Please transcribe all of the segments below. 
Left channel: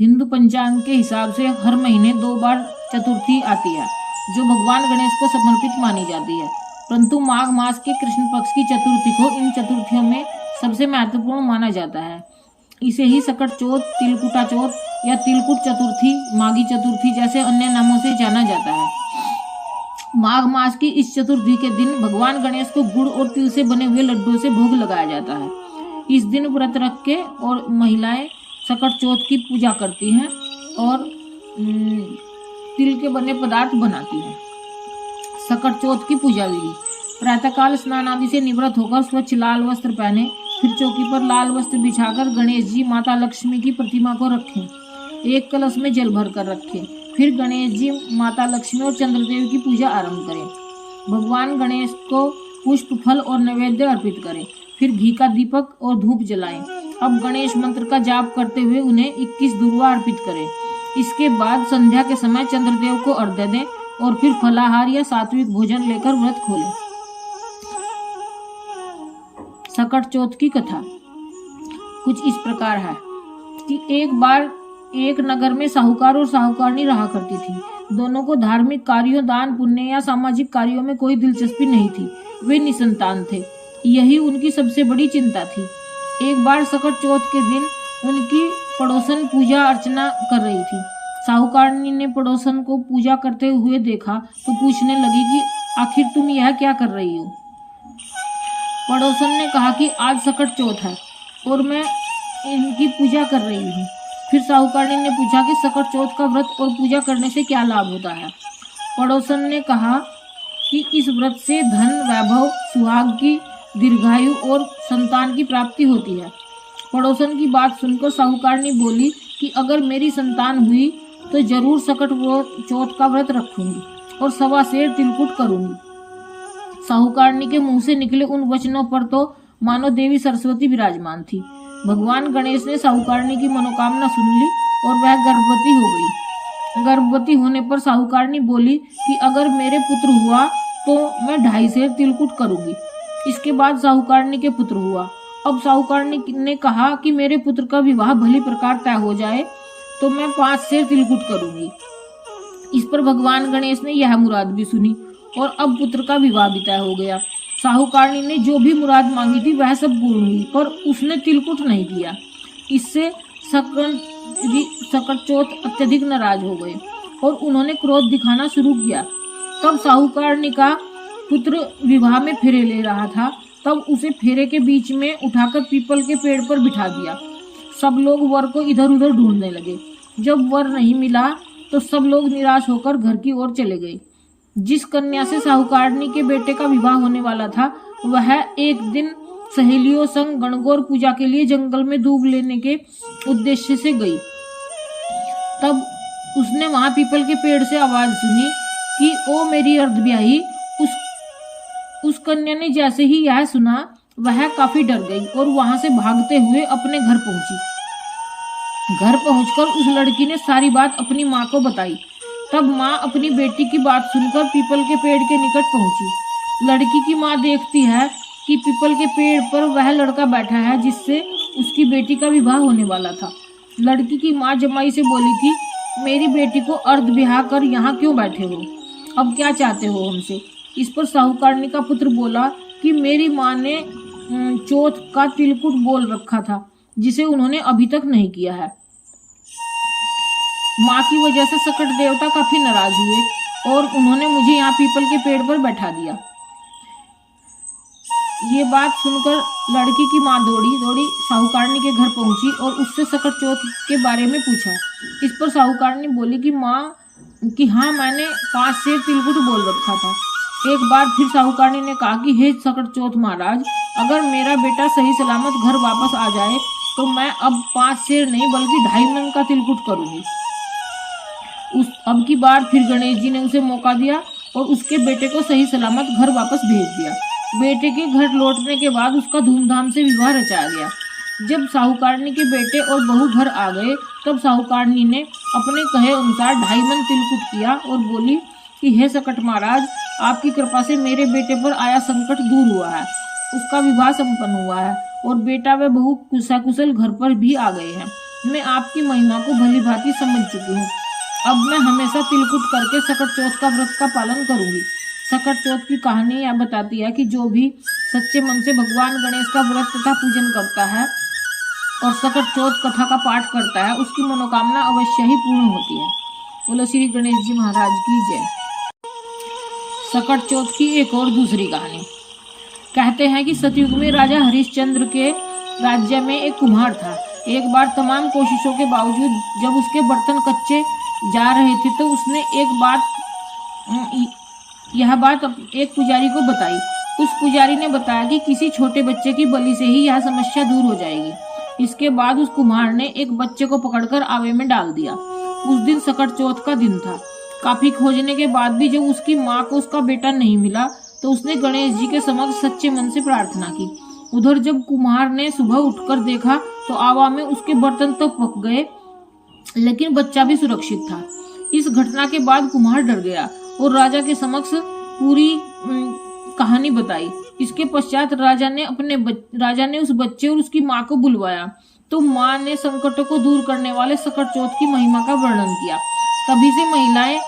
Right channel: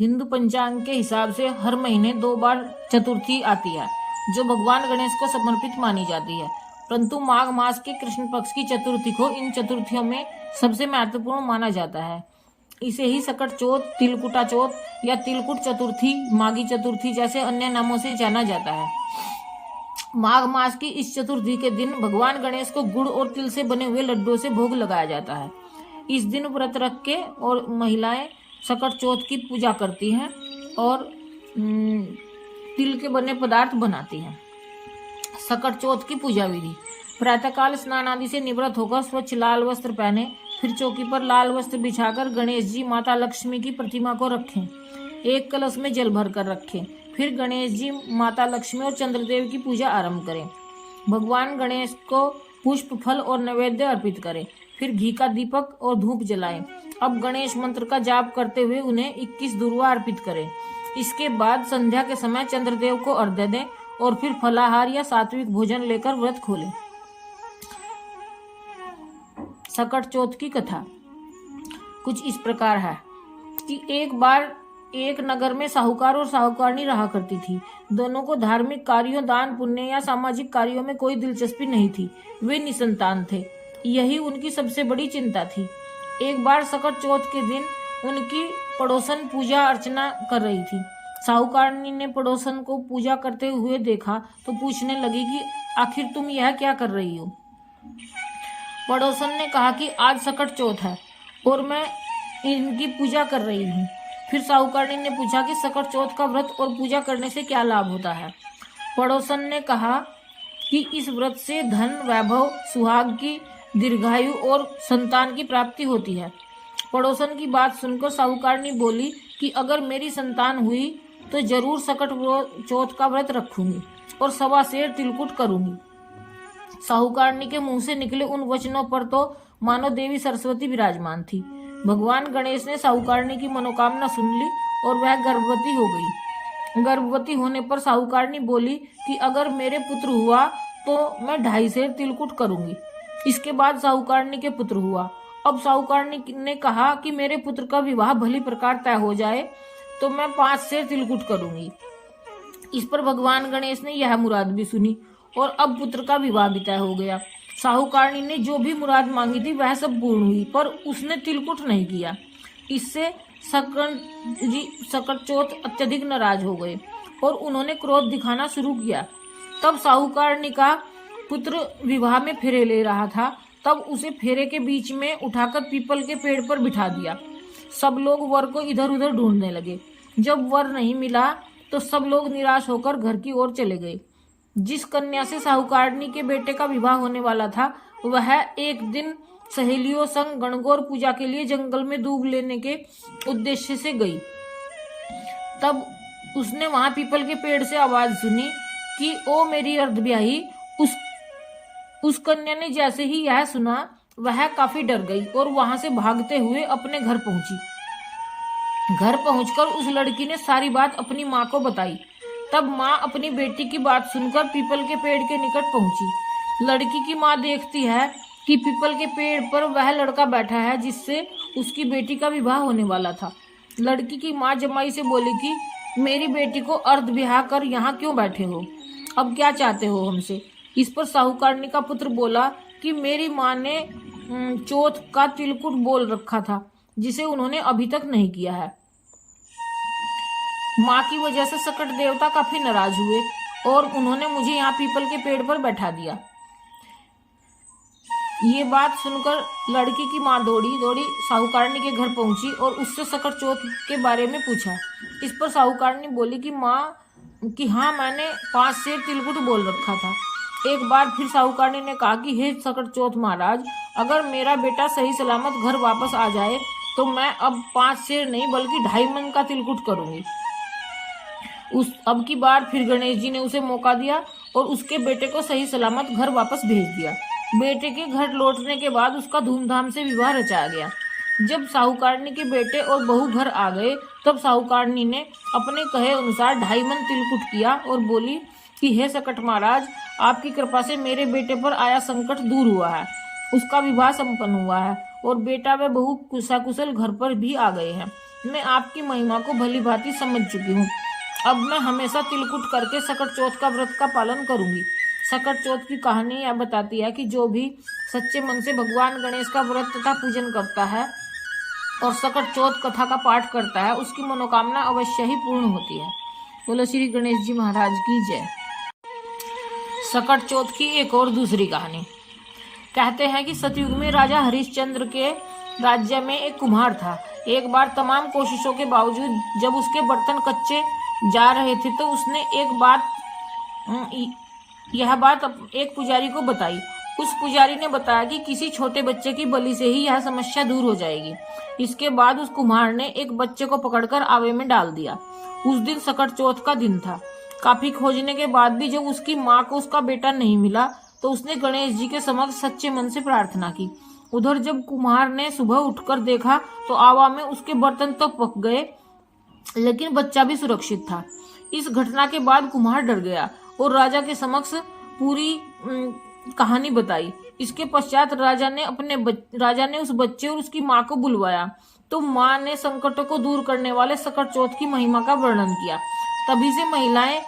हिंदू पंचांग के हिसाब से हर महीने 2 बार चतुर्थी आती है, जो भगवान गणेश को समर्पित मानी जाती है। परंतु माघ मास के कृष्ण पक्ष की चतुर्थी को इन चतुर्थियों में सबसे महत्वपूर्ण माना जाता है। इसे ही सकट चौथ, तिलकुटा चौथ या तिलकुट चतुर्थी, माघी चतुर्थी जैसे अन्य नामों से जाना जाता है। माघ मास की इस चतुर्थी के दिन भगवान गणेश को गुड़ और तिल से बने हुए लड्डुओं से भोग लगाया जाता है। इस दिन व्रत रख के और महिलाएं सकट चौथ की पूजा करती हैं और तिल के बने पदार्थ बनाती हैं। सकट चौथ की पूजा विधि: प्रातःकाल स्नान आदि से निवृत्त होकर स्वच्छ लाल वस्त्र पहने, फिर चौकी पर लाल वस्त्र बिछाकर गणेश जी, माता लक्ष्मी की प्रतिमा को रखें। एक कलश में जल भर कर रखें। फिर गणेश जी, माता लक्ष्मी और चंद्रदेव की पूजा आरंभ करें। भगवान गणेश को पुष्प, फल और नैवेद्य अर्पित करें। फिर घी का दीपक और धूप जलाएं। अब गणेश मंत्र का जाप करते हुए उन्हें 21 दुर्वा अर्पित करें। इसके बाद संध्या के समय चंद्रदेव को अर्घ्य दें और फिर फलाहार या सात्विक भोजन लेकर व्रत खोलें। सकट चौथ की कथा कुछ इस प्रकार है कि एक बार एक नगर में साहूकार और साहूकारनी रहा करती थी। दोनों को धार्मिक कार्यों, दान पुण्य या सामाजिक कार्यों में कोई दिलचस्पी नहीं थी। वे निसंतान थे। यही उनकी सबसे बड़ी चिंता थी। एक बार सकट चौथ के दिन उनकी पड़ोसन पूजा अर्चना कर रही थी। साहूकारनी ने पड़ोसन को पूजा करते हुए देखा तो पूछने लगी कि आखिर तुम यह क्या कर रही हो। पड़ोसन ने कहा कि आज सकट चौथ है और मैं इनकी पूजा कर रही हूँ। फिर साहूकारनी ने पूछा कि सकट चौथ का व्रत और पूजा करने से क्या लाभ होता है। पड़ोसन ने कहा कि इस व्रत से धन, वैभव, सुहाग की दीर्घायु और संतान की प्राप्ति होती है। पड़ोसन की बात सुनकर साहूकारनी बोली कि अगर मेरी संतान हुई तो जरूर सकट चौथ का व्रत रखूंगी और 1.25 सेर तिलकुट करूंगी। साहूकारनी के मुंह से निकले उन वचनों पर तो मानो देवी सरस्वती विराजमान थी। भगवान गणेश ने साहूकारनी की मनोकामना सुन ली और वह गर्भवती हो गई। गर्भवती होने पर साहूकारनी बोली कि अगर मेरे पुत्र हुआ तो मैं 2.5 सेर तिलकुट करूंगी। इसके बाद साहूकारनी के पुत्र हुआ। अब साहूकारनी ने कहा कि मेरे पुत्र का विवाह भली प्रकार तय हो जाए तो मैं 5 सेर तिलकुट करूंगी। इस पर भगवान गणेश ने यह मुराद भी सुनी और अब पुत्र का विवाह भी तय हो गया। साहूकारनी ने जो भी मुराद मांगी थी वह सब पूर्ण हुई, पर उसने तिलकुट नहीं किया। इससे सकट चौथ अत्यधिक नाराज हो गए और उन्होंने क्रोध दिखाना शुरू किया। तब साहूकारनी का पुत्र विवाह में फेरे ले रहा था। तब उसे फेरे के बीच में उठाकर पीपल के पेड़ पर बिठा दिया। सब लोग वर को इधर उधर ढूंढने लगे। जब वर नहीं मिला तो सब लोग निराश होकर घर की ओर चले गए। जिस कन्या से साहूकारनी के बेटे का विवाह होने वाला था वह एक दिन सहेलियों संग गणगौर पूजा के लिए जंगल में दूब लेने के उद्देश्य से गई। तब उसने वहां पीपल के पेड़ से आवाज सुनी कि ओ मेरी अर्धब्याही। उस कन्या ने जैसे ही यह सुना वह काफी डर गई और वहां से भागते हुए अपने घर पहुंची। घर पहुंचकर उस लड़की ने सारी बात अपनी माँ को बताई। तब माँ अपनी बेटी की बात सुनकर पीपल के पेड़ के निकट पहुंची। लड़की की माँ देखती है कि पीपल के पेड़ पर वह लड़का बैठा है जिससे उसकी बेटी का विवाह होने वाला था। लड़की की माँ जमाई से बोली कि मेरी बेटी को अर्ध ब्याह कर यहाँ क्यों बैठे हो, अब क्या चाहते हो हमसे। इस पर साहूकारनी का पुत्र बोला कि मेरी माँ ने चौथ का तिलकुट बोल रखा था जिसे उन्होंने अभी तक नहीं किया है। माँ की वजह से सकट देवता काफी नाराज हुए और उन्होंने मुझे यहाँ पीपल के पेड़ पर बैठा दिया। ये बात सुनकर लड़की की माँ दौड़ी दौड़ी साहूकारनी के घर पहुंची और उससे सकट चौथ के बारे में पूछा। इस पर साहूकारनी बोली कि माँ कि हाँ, मैंने 5 सेर तिलकुट बोल रखा था। एक बार फिर साहूकारनी ने कहा कि हे सकट चौथ महाराज, अगर मेरा बेटा सही सलामत घर वापस आ जाए तो मैं अब 5 सेर नहीं बल्कि 2.5 मन का तिलकुट करूंगी। अब की बार फिर गणेश जी ने उसे मौका दिया और उसके बेटे को सही सलामत घर वापस भेज दिया। बेटे के घर लौटने के बाद उसका धूमधाम से विवाह रचाया गया। जब साहूकारनी के बेटे और बहू घर आ गए तब साहूकारनी ने अपने कहे अनुसार 2.5 मन तिलकुट किया और बोली कि हे सकट महाराज, आपकी कृपा से मेरे बेटे पर आया संकट दूर हुआ है। उसका विवाह संपन्न हुआ है और बेटा व बहू कुशाकुशल घर पर भी आ गए हैं। मैं आपकी महिमा को भली भांति समझ चुकी हूँ। अब मैं हमेशा तिलकुट करके सकट चौथ का व्रत का पालन करूंगी। सकट चौथ की कहानी यह बताती है कि जो भी सच्चे मन से भगवान गणेश का व्रत तथा पूजन करता है और सकट चौथ कथा का पाठ करता है, उसकी मनोकामना अवश्य ही पूर्ण होती है। बोलो श्री गणेश जी महाराज की जय। सकट चौथ की एक और दूसरी कहानी। कहते हैं कि सतयुग में राजा हरिश्चंद्र के राज्य में एक कुम्हार था। एक बार तमाम कोशिशों के बावजूद जब उसके बर्तन कच्चे जा रहे थे तो उसने यह बात एक पुजारी को बताई। उस पुजारी ने बताया कि किसी छोटे बच्चे की बलि से ही यह समस्या दूर हो जाएगी। इसके बाद उस कुम्हार ने एक बच्चे को पकड़कर आवे में डाल दिया। उस दिन सकट चौथ का दिन था। काफी खोजने के बाद भी जब उसकी माँ को उसका बेटा नहीं मिला तो उसने गणेश जी के समक्ष सच्चे मन से प्रार्थना की। उधर जब कुम्हार ने सुबह उठकर देखा तो आवा में उसके बर्तन तो पक गए, लेकिन बच्चा भी सुरक्षित था। इस घटना के बाद कुम्हार डर गया और राजा के समक्ष पूरी कहानी बताई। इसके पश्चात राजा ने उस बच्चे और उसकी माँ को बुलवाया तो माँ ने संकटों को दूर करने वाले सकट चौथ की महिमा का वर्णन किया। तभी से महिलाएं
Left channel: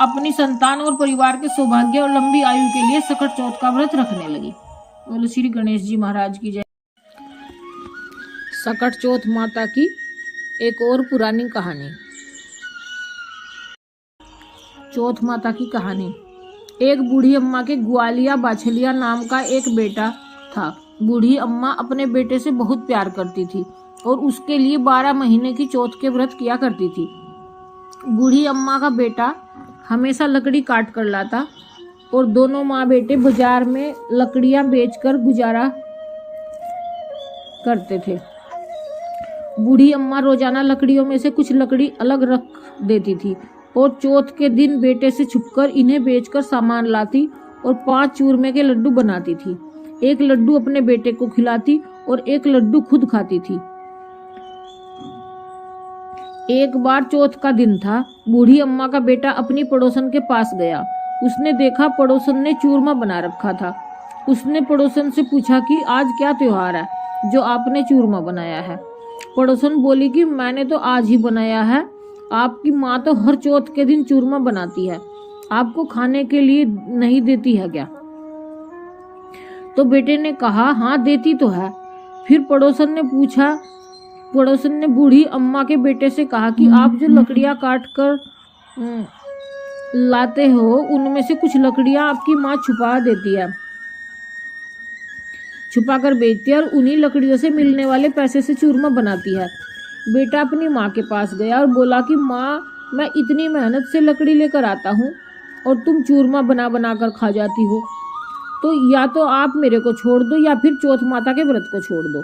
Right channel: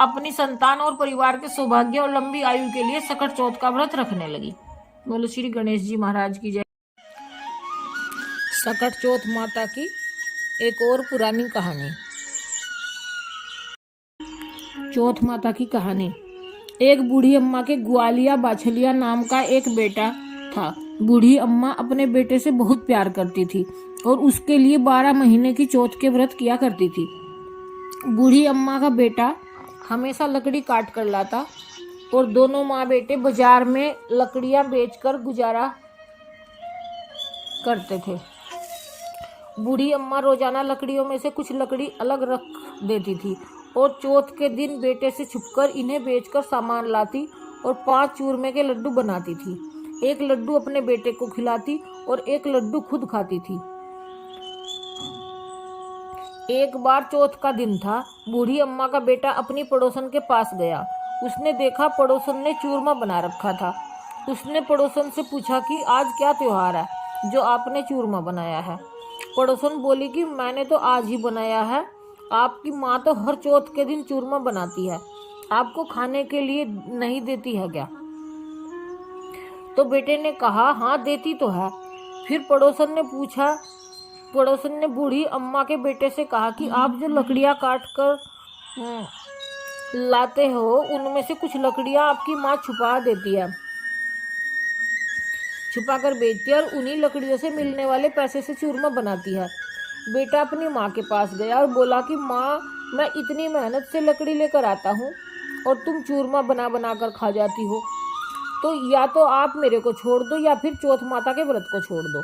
अपनी संतान और परिवार के सौभाग्य और लंबी आयु के लिए सकट चौथ का व्रत रखने लगी। बोलो श्री गणेश जी महाराज की जय। सकट चौथ माता की एक और पुरानी कहानी। चौथ माता की कहानी। एक बूढ़ी अम्मा के ग्वालिया बाछलिया नाम का एक बेटा था। बूढ़ी अम्मा अपने बेटे से बहुत प्यार करती थी और उसके लिए 12 महीने की चौथ के व्रत किया करती थी। बूढ़ी अम्मा का बेटा हमेशा लकड़ी काट कर लाता और दोनों माँ बेटे बाजार में लकड़ियां बेचकर गुजारा करते थे। बूढ़ी अम्मा रोजाना लकड़ियों में से कुछ लकड़ी अलग रख देती थी और चौथ के दिन बेटे से छुपकर इन्हें बेचकर सामान लाती और 5 चूरमे के लड्डू बनाती थी। एक लड्डू अपने बेटे को खिलाती और एक लड्डू खुद खाती थी। एक बार चौथ का दिन था। बूढ़ी अम्मा का बेटा अपनी पड़ोसन के पास गया। उसने देखा पड़ोसन ने चूरमा बना रखा था। उसने पड़ोसन से पूछा कि आज क्या त्योहार है जो आपने चूरमा बनाया है। पड़ोसन बोली कि मैंने तो आज ही बनाया है, आपकी माँ तो हर चौथ के दिन चूरमा बनाती है, आपको खाने के लिए नहीं देती है क्या? तो बेटे ने कहा हाँ देती तो है। फिर पड़ोसन ने बूढ़ी अम्मा के बेटे से कहा कि आप जो लकड़ियां काट कर लाते हो उनमें से कुछ लकड़ियां आपकी माँ छुपा देती है, छुपा कर बेचती है और उन्हीं लकड़ियों से मिलने वाले पैसे से चूरमा बनाती है। बेटा अपनी माँ के पास गया और बोला कि माँ मैं इतनी मेहनत से लकड़ी लेकर आता हूँ और तुम चूरमा बना बना कर खा जाती हो, तो या तो आप मेरे को छोड़ दो या फिर चौथ माता के व्रत को छोड़ दो।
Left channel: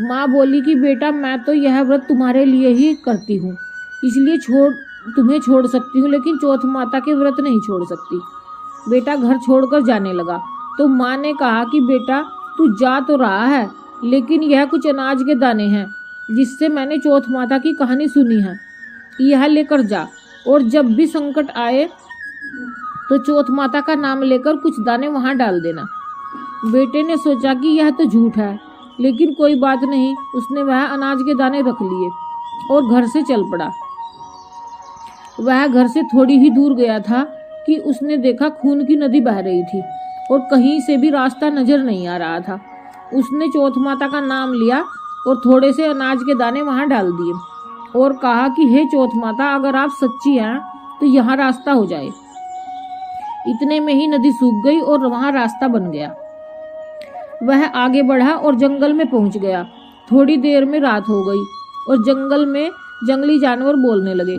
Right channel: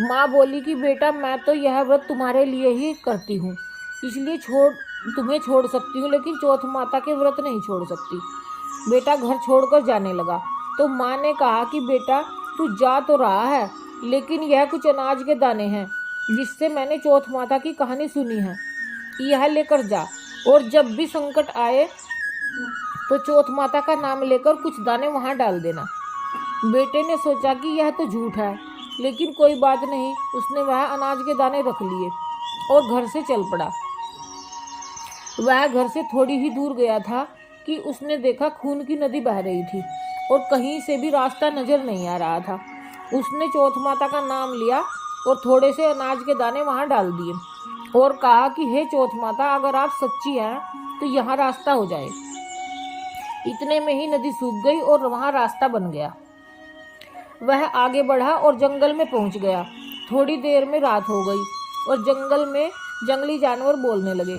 माँ बोली कि बेटा मैं तो यह व्रत तुम्हारे लिए ही करती हूँ, इसलिए तुम्हें छोड़ सकती हूँ, लेकिन चौथ माता के व्रत नहीं छोड़ सकती। बेटा घर छोड़कर जाने लगा तो माँ ने कहा कि बेटा तू जा तो रहा है, लेकिन यह कुछ अनाज के दाने हैं जिससे मैंने चौथ माता की कहानी सुनी है, यह लेकर जा और जब भी संकट आए तो चौथ माता का नाम लेकर कुछ दाने वहां डाल देना। बेटे ने सोचा कि यह तो झूठ है, लेकिन कोई बात नहीं, उसने वह अनाज के दाने रख लिए और घर से चल पड़ा। वह घर से थोड़ी ही दूर गया था कि उसने देखा खून की नदी बह रही थी और कहीं से भी रास्ता नजर नहीं आ रहा था। उसने चौथ माता का नाम लिया और थोड़े से अनाज के दाने वहां डाल दिए और कहा कि हे चौथ माता, अगर आप सच्ची हैं तो यहाँ रास्ता हो जाए। इतने में ही नदी सूख गई और वहां रास्ता बन गया। वह आगे बढ़ा और जंगल में पहुंच गया। थोड़ी देर में रात हो गई और जंगल में जंगली जानवर बोलने लगे।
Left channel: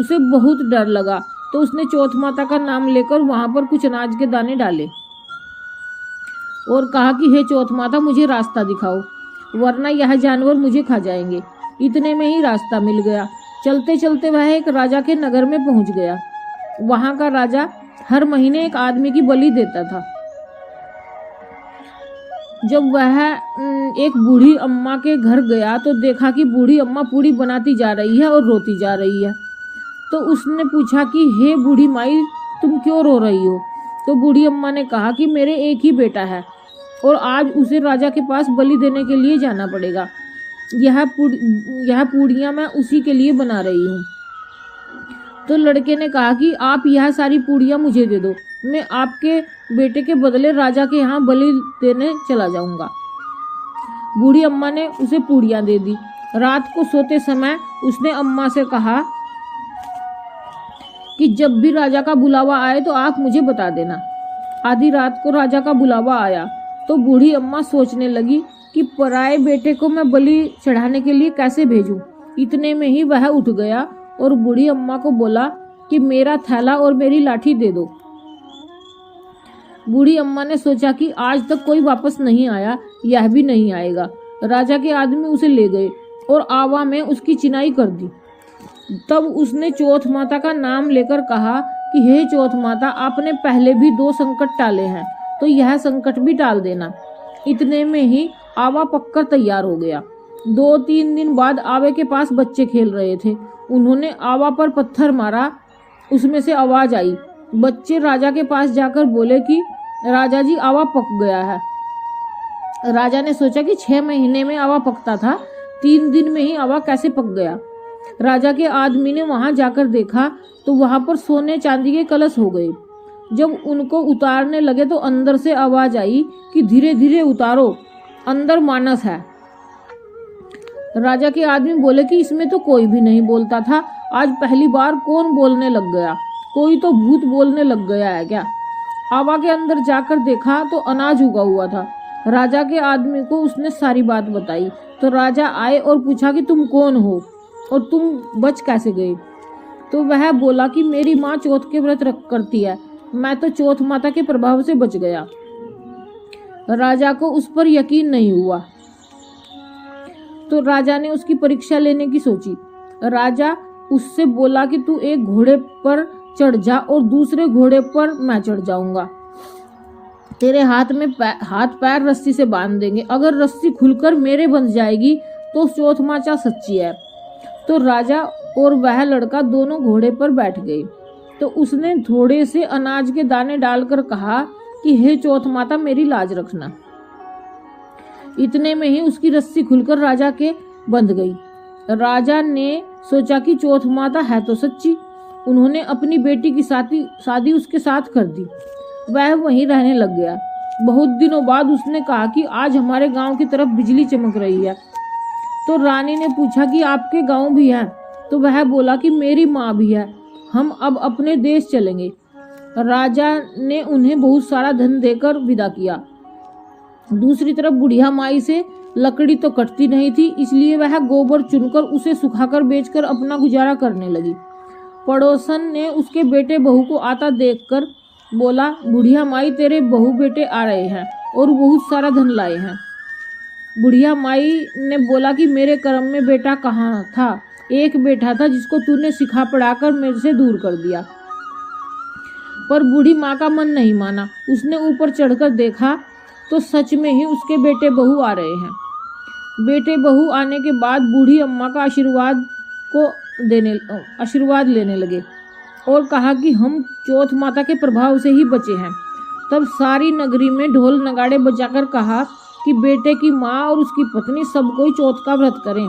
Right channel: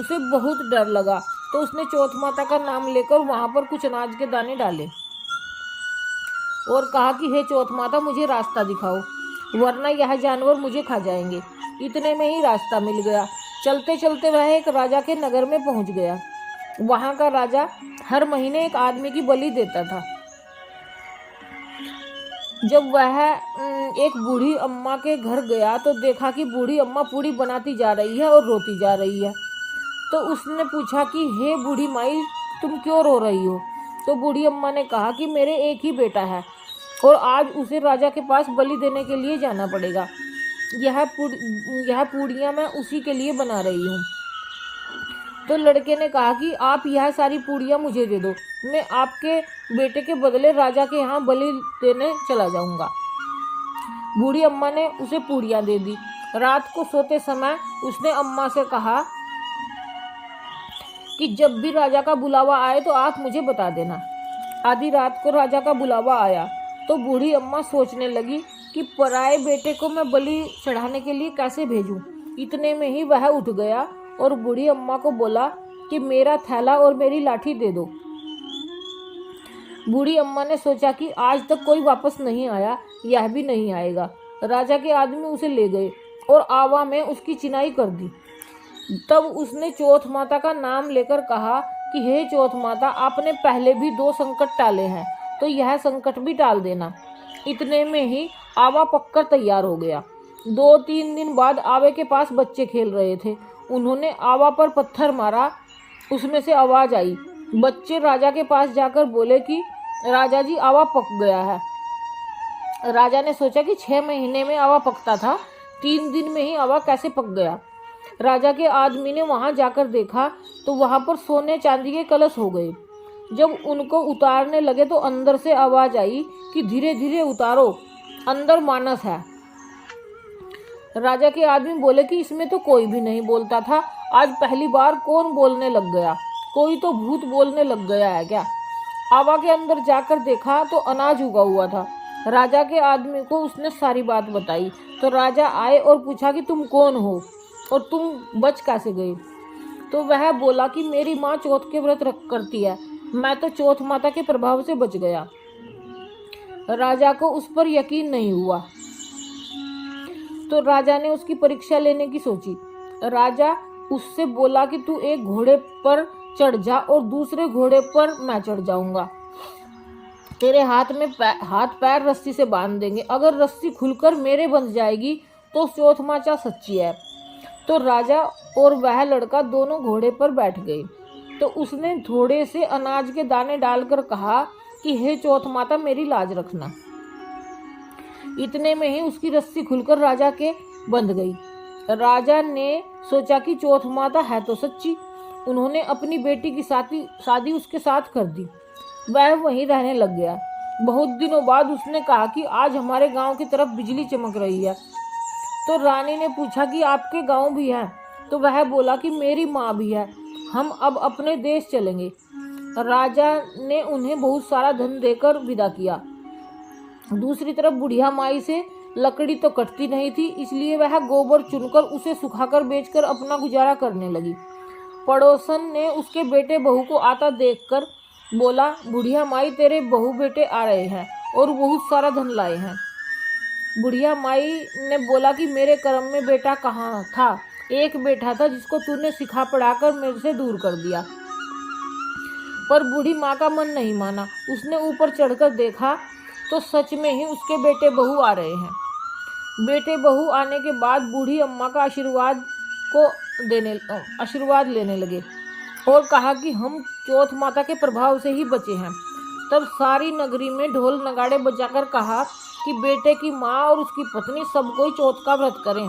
उसे बहुत डर लगा तो उसने चौथ माता का नाम लेकर वहां पर कुछ अनाज के दाने डाले और कहा कि हे चौथ माता, मुझे रास्ता दिखाओ, वरना यह जानवर मुझे खा जाएंगे। इतने में ही रास्ता मिल गया। चलते चलते वह एक राजा के नगर में पहुंच गया। वहां का राजा हर महीने एक आदमी की बलि देता था। जब वह एक बूढ़ी अम्मा के घर गया तो देखा कि बूढ़ी अम्मा पूड़ी बनाती जा रही है और रोती जा रही है। तो उसने पूछा कि हे बूढ़ी माई, तुम क्यों रो रही हो? तो बूढ़ी अम्मा ने कहा कि मेरे एक ही बेटा है और आज उसे राजा के पास बलि देने के लिए जाना पड़ेगा। यह पूड़ियाँ मैं उसी के लिए बना रही हूँ। तो लड़के ने कहा कि आप यह सारी पूड़ियाँ मुझे दे दो, मैं आपके बेटे के बदले राजा के यहाँ बलि देने चला जाऊंगा। बूढ़ी अम्मा ने उसे पूड़ियाँ दे दी। रात को सोते समय उसने अम्मा से कहा कि जब भी राजा का बुलावा आए तो आप मुझे बता देना। आधी रात को राजा का बुलावा आया तो बूढ़ी अम्मा सोचने लगी कि पराए बेटे को मैं बलि चढ़ाने के लिए कैसे भेजूं। इतने में ही वह उठ गया और बूढ़ी अम्मा को बोला कि मेरा थैला और मेरी लाठी दे दो। बूढ़ी अम्मा ने सोचा कि आज तक कोई वापस नहीं आया, यह भी नहीं आएगा। राजा के आदमी उसे ले गए और आवा में उसकी चिनाई कर दी। तब उसने चौथ माता का नाम लेकर कहा कि हे चौथ माता, आपने पहले भी 2 संकट टाले हैं तो यह संकट भी टाल देना। इतने में ही आवा पककर तैयार हो गया। 2-3 दिन बाद आवे के पास बच्चे खेल रहे थे। उन्होंने आवा पर पत्थर मारा, उसमें से आवाज आई। बच्चे राजा के पास जाकर बोले कि राजा जी, आवा पक गया है। राजा ने सोचा कि 6 महीने में आवा पकता था, 3 दिन में ही आवा कैसे पक गया। राजा के आदमी ने वहां जाकर देखा तो वहां पर सोने चांदी के कलश हो गए। जब उनको उतारने लगे तो अंदर से आवाज आई कि धीरे धीरे उतारो, अंदर मानस है। राजा के आदमी बोले कि इसमें तो कोई भी नहीं बोलता था, आज पहली बार कौन बोलने लग गया? कोई तो भूत बोलने लग गया है क्या? आवा के अंदर जाकर देखा तो अनाज उगा हुआ था। राजा के आदमी को उसने सारी बात बताई तो राजा आए और पूछा कि तुम कौन हो और तुम बच कैसे गए? तो वह बोला कि मेरी माँ चौथ के व्रत करती है, मैं तो चौथ माता के प्रभाव से बच गया। राजा को उस पर यकीन नहीं हुआ तो राजा ने उसकी परीक्षा लेने की सोची। राजा उससे बोला कि तू एक घोड़े पर चढ़ जा और दूसरे घोड़े पर मैं चढ़ जाऊंगा। तेरे हाथ में हाथ पैर रस्सी से बांध देंगे, अगर रस्सी खुलकर मेरे बंध जाएगी तो चौथ माता सच्ची है। तो राजा और वह लड़का दोनों घोड़े पर बैठ गए। तो उसने थोड़े से अनाज के दाने डालकर कहा कि हे चौथ माता, मेरी लाज रखना। इतने में ही उसकी रस्सी खुलकर राजा के बंध गई। राजा ने सोचा कि चौथ माता है तो सच्ची। उन्होंने अपनी बेटी की शादी उसके साथ कर दी। वह वहीं रहने लग गया। बहुत दिनों बाद उसने कहा कि आज हमारे गांव की तरफ बिजली चमक रही है। तो रानी ने पूछा कि आपके गांव भी है? तो वह बोला कि मेरी माँ भी है, हम अब अपने देश चलेंगे। राजा ने उन्हें बहुत सारा धन देकर विदा किया। दूसरी तरफ बुढ़िया माई से लकड़ी तो कटती नहीं थी, इसलिए वह गोबर चुनकर उसे सुखाकर बेचकर अपना गुजारा करने लगी। पड़ोसन ने उसके बेटे बहू को आता देखकर बोला, बुढ़िया माई, तेरे बहू बेटे आ रहे हैं और बहुत सारा धन लाए हैं। बुढ़िया माई ने बोला कि मेरे कर्म में बेटा कहाँ था? एक बेटा था जिसको तूने सिखा पढ़ाकर मेरे से दूर कर दिया। पर बूढ़ी माँ का मन नहीं माना। उसने ऊपर चढ़कर देखा तो सच में ही उसके बेटे बहू आ रहे हैं। बेटे बहू आने के बाद बूढ़ी अम्मा का आशीर्वाद लेने लगे और कहा कि हम चौथ माता के प्रभाव से ही बचे हैं। तब सारी नगरी में ढोल नगाड़े बजाकर कहा कि बेटे की माँ और उसकी पत्नी सब कोई चौथ का व्रत करें।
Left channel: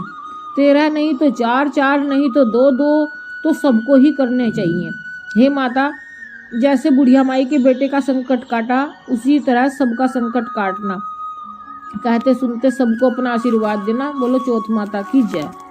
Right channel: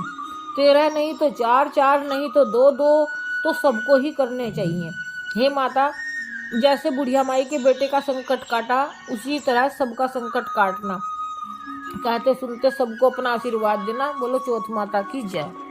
13 नहीं तो 4, 4 नहीं तो 2, 2 तो सबको ही करने चाहिए। हे माता, जैसे बुढ़िया माई के बेटे का संकट काटा, उसी तरह सबका संकट काटना। कहते सुनते सबको अपना आशीर्वाद देना। बोलो चौथ माता की जय।